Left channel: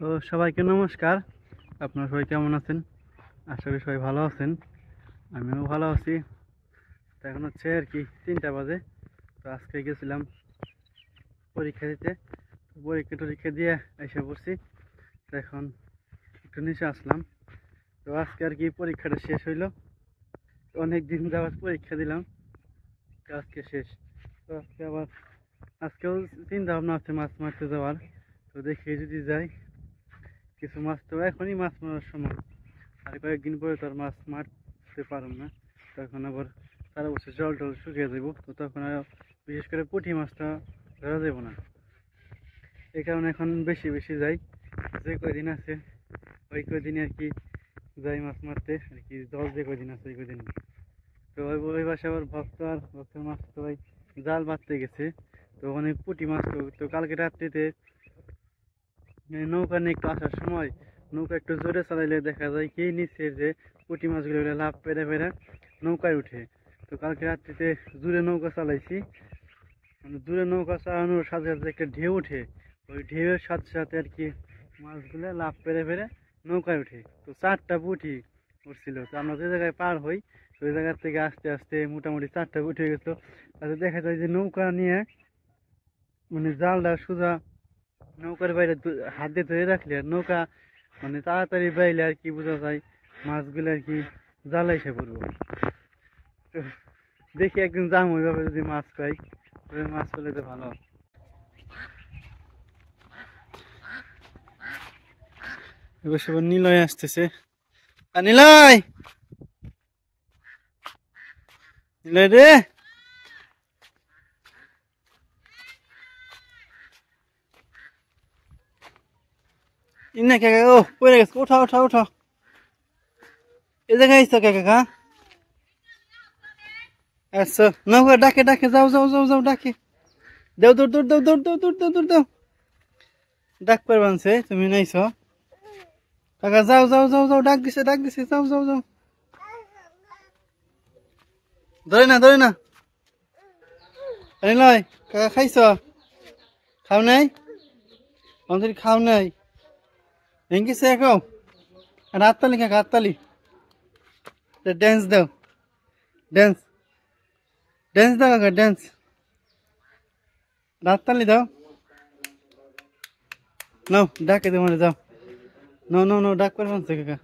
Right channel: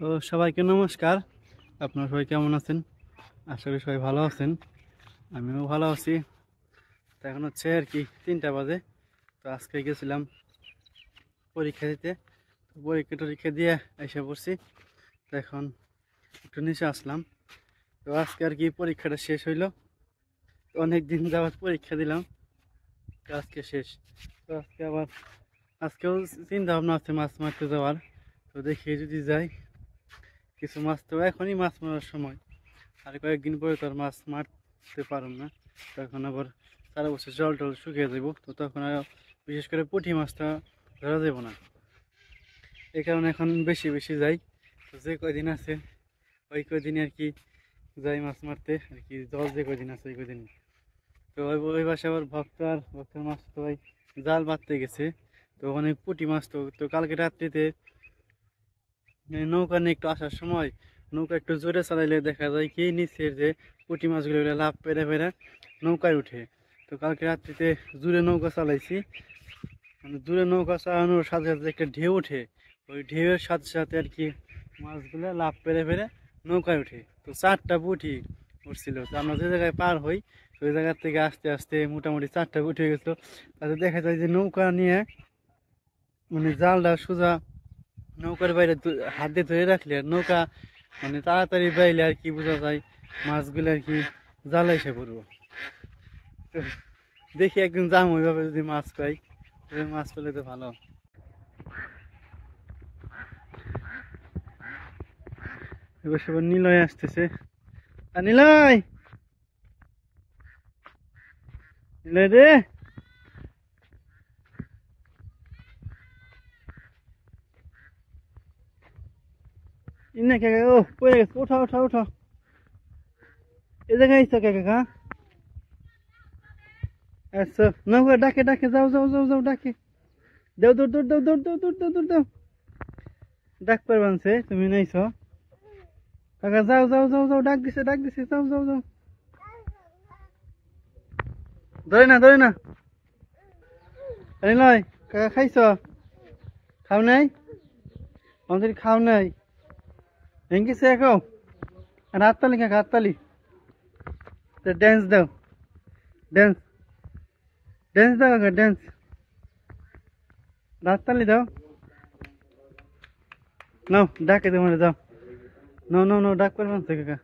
তো সবাইকে নমস্কার। আপনারা সবাই কেমন আছেন? আশা করি সবাই ভালো আছেন। আমিও ভালো আছি। তো এখন হচ্ছে আর কি 3টা বাজে। তো আজকে গেছিলাম পরীক্ষা দিতে। তো পরীক্ষা দিয়ে এসে পড়ছি। তো এখন একটু নিচে আসলাম। তো আজকে আর কি পরীক্ষাটা শেষ হইলো। অনেক দিন যাওয়ার পরীক্ষা দিলাম, তো আজকে শেষ। তো আজকেও চিন্তা ভাবনা আছে মাছ মারতে যাওয়ার। তো দেখি যদি যাই, কিছু মাছ তো এখনই মাছ মারার সময়, আর কয়েকদিন পরে তো আর মাছ মারতে পারব না। তখন আবার সারা বছর জল টল শুকিয়ে যাব, তো তখন আর বিশেষ করে পুঁটি মাছটা ধরা যাব না। এই কারণে এখন বেশি বেশি যাই, যে কয়দিন আছে ওই কয়দিন আর কি যাই মাছ মারতে আর কি। জল যে কয়দিন আছে ওই কয়দিন। তো ওই পাশে আবার ভক্তের মাছ তো ভাই জাল বাঁধতে গেছে। তো অনেক পুঁটি মাছ। তো কালকে রাত্রিতে নৌকা নিয়ে একটু আসার সময় নৌকা একটু জোরে চালাইলে দেখা যায় কি নিচের যে পুঁটি মাছগুলো লাভ পেরে পেরে নৌকায় উঠে। তো কালকে রাত্রিতে জোরে নৌকা চালাইছি, জোরে নৌকা চালানোর সাথে সাথে একটা ঢেউ ওঠে। ওই ঢেউয়ের সাথে সাথে আর কি মাছগুলো লাভ পেরে পেরে নৌকায় উঠে। তো 4টা পুঁটি উঠছিল। তো আমরা যে জায়গায় পার হই ওই জায়গার থেকে আস্তে আস্তে মোটামুটি 4টা পুঁটি হয়ে গেছিলো। তাতে দেখা যায় যে নৌকা নিয়ে মানে জালটা সোজা নৌকার বাইরে হাত দিয়ে ধরে রাখলে আর নৌকা মানে তাড়াতাড়ি বাইলে আর কি বোঝা যায় মাছগুলো আর কি জালে এসে পড়বো। তো দেখি একদিন যাম ওইভাবে, যদি মাছ পাই মাছ পেলে তো ভালো। এবার সবার নিলয় আসতেছে। আর নিলয় নিলয় রে, ইন্না কে ও পড়ে গেছে, ওঠা ওঠা ওঠা। এ জায়গায় আইসো কে কাকা? আচ্ছা নৌকা ডাকে ডাকে, যাও যাও যাও যাও ডাকে। দেও দৌড় দৌড় দেও দৌড় দেও দৌড় দেও দৌড় দেও। ডাক পারবানছে তুমি নাইছ কাকা, যাও যাও যাও যাও, ডাক দিছে যাও যাও যাও। ধরে না নিলয় কাকা, খাইছ? খাও নাই? আমাদের খাও নাই ভেঙ্গিছে এখন। আর হাততালি কাকা, হাততালি। ড্যান্স দাও, ড্যান্স ড্যান্স দাও কাকা, ড্যান্স। হাততালি দাও। নাও ডাকে তোমার, যাও। নাও নাও নাও, ডাক পারবানছে কাকা।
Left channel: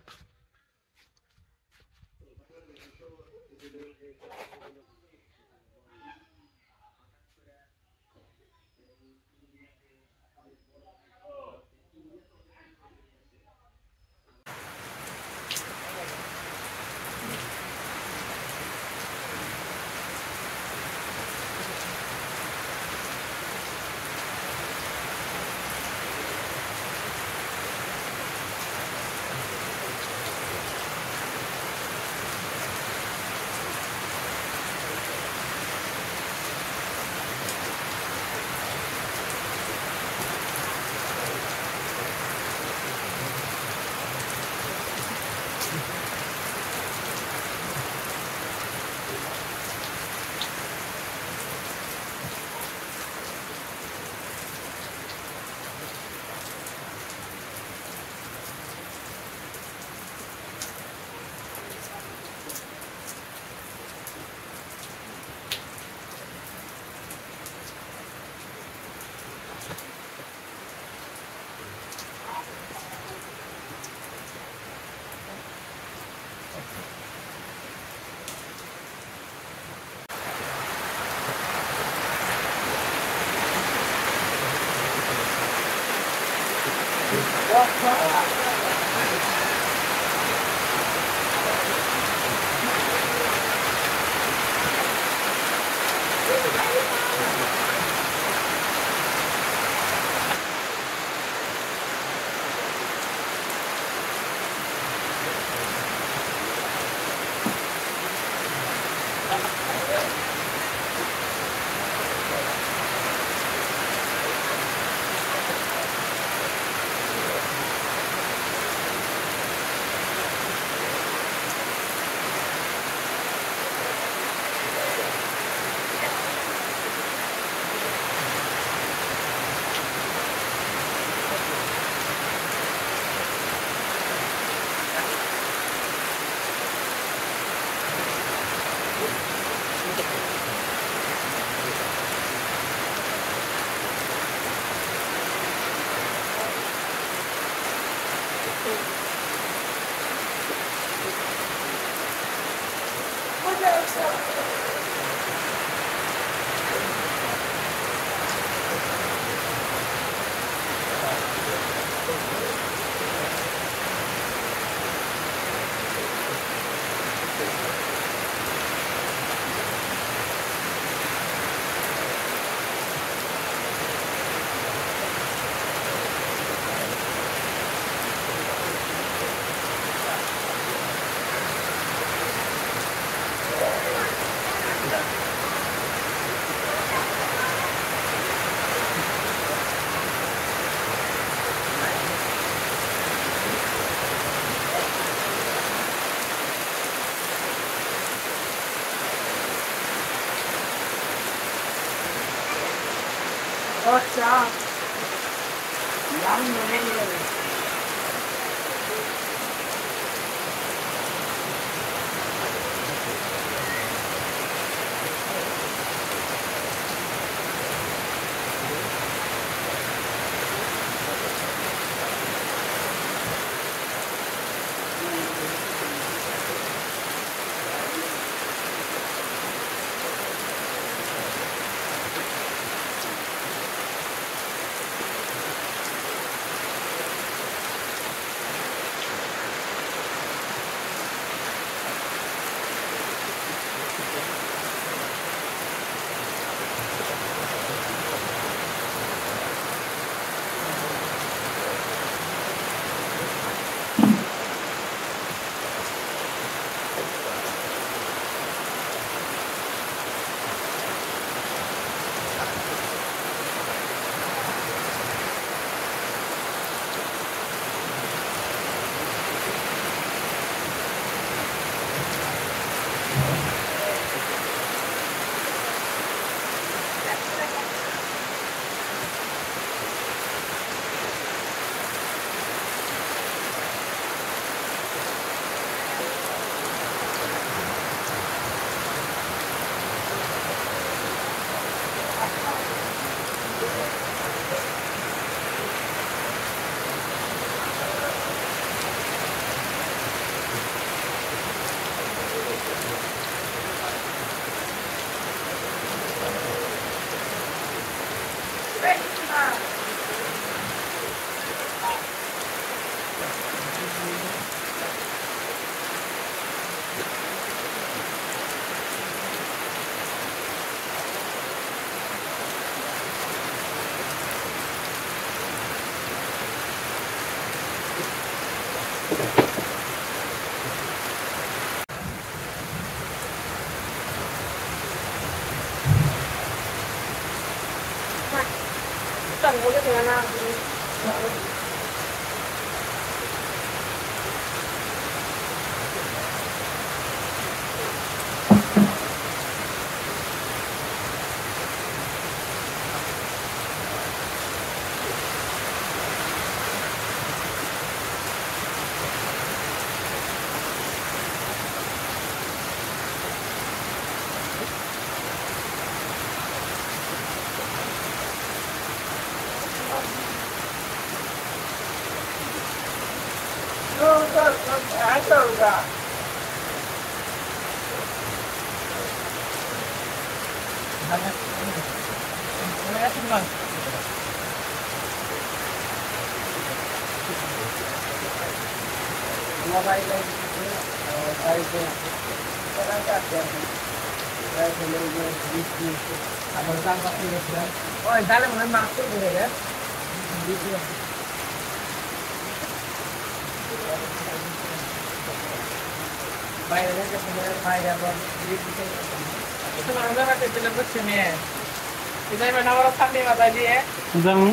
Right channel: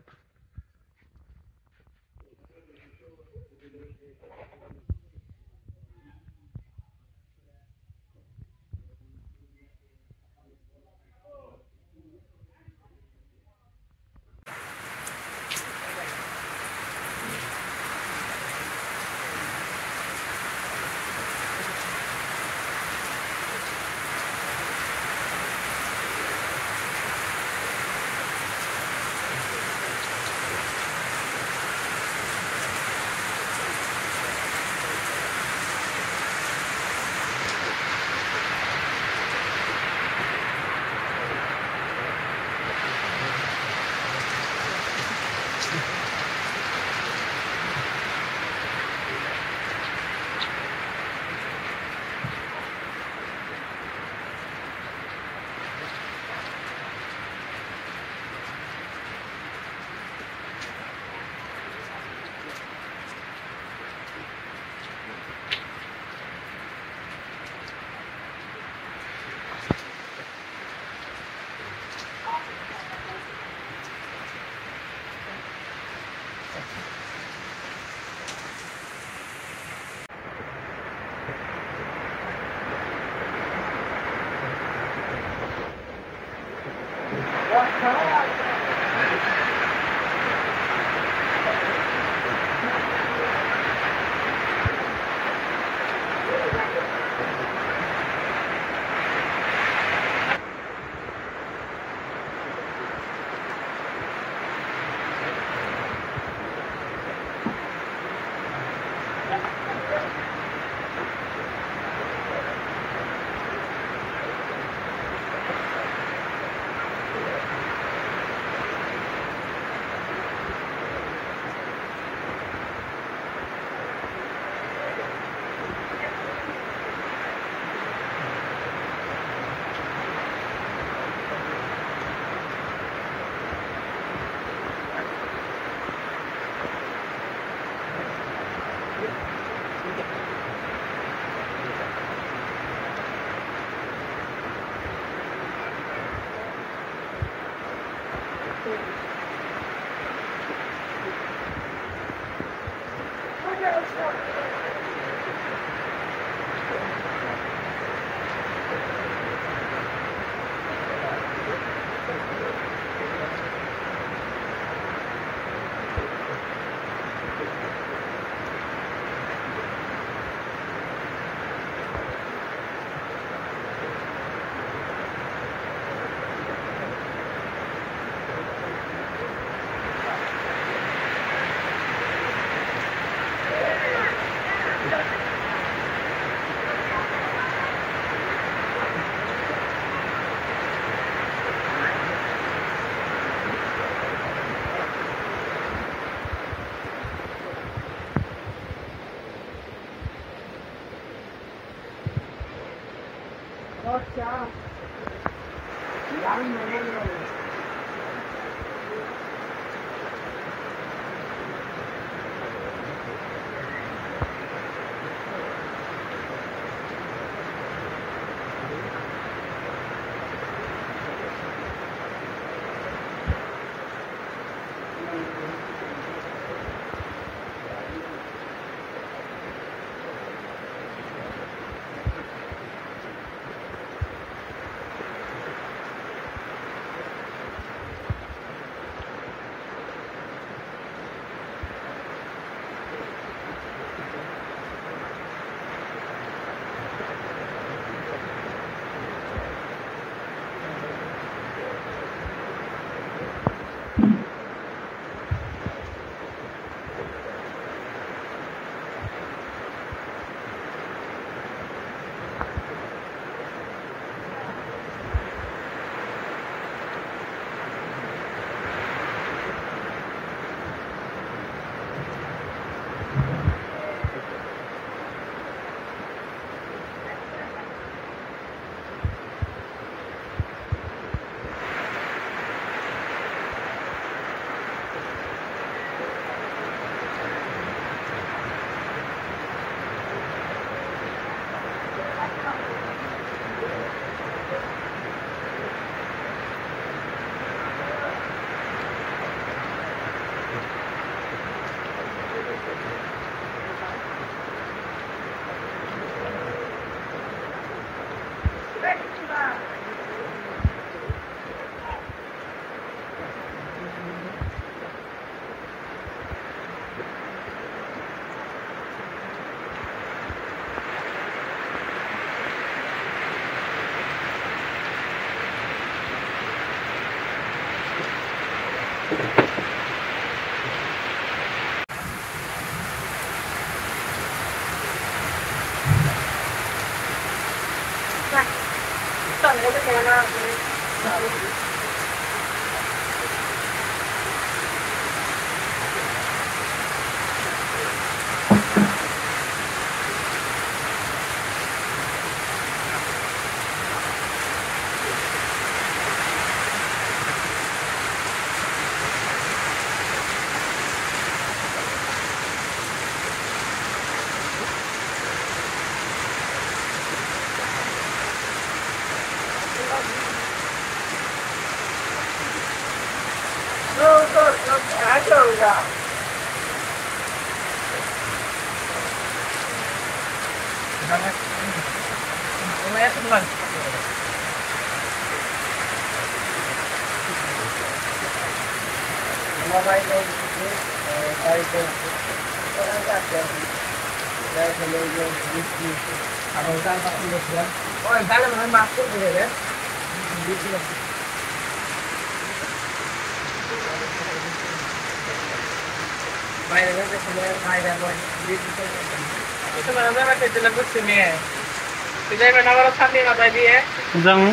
যাবো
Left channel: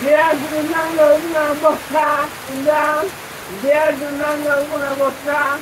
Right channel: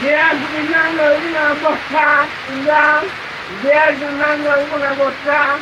Dia gunang una bosca, dia gunang una bosca.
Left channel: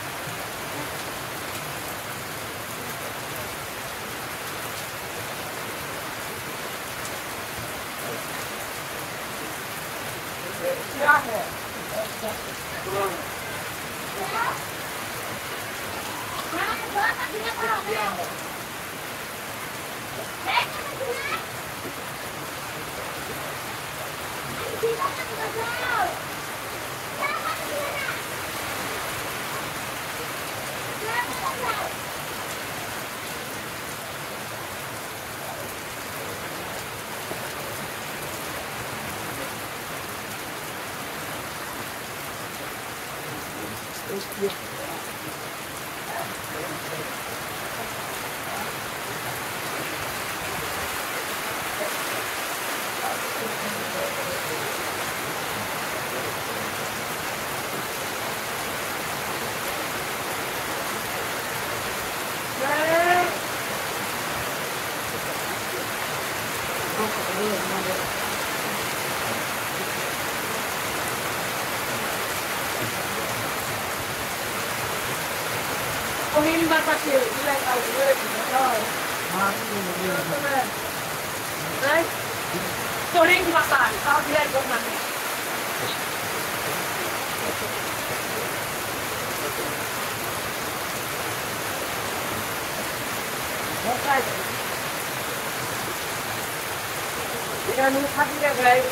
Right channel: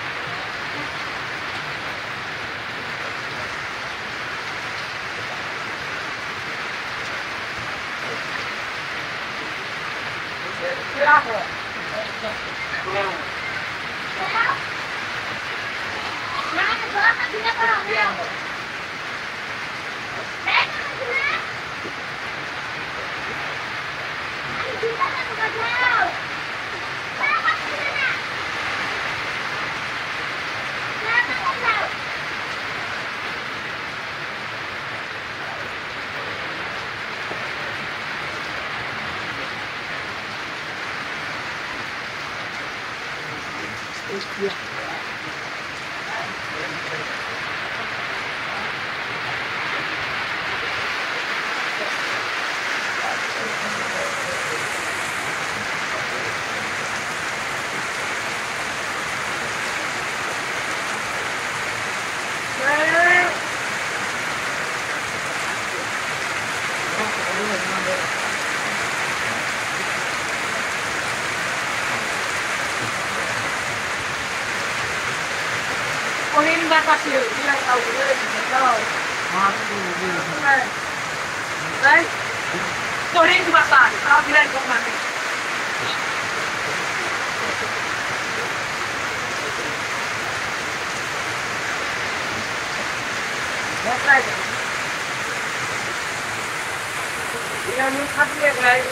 Kunin ba kasi ilang outlet ito? Right? Kunin ba pa? Outlet ko namin. That's right. Yan yung sabi guys.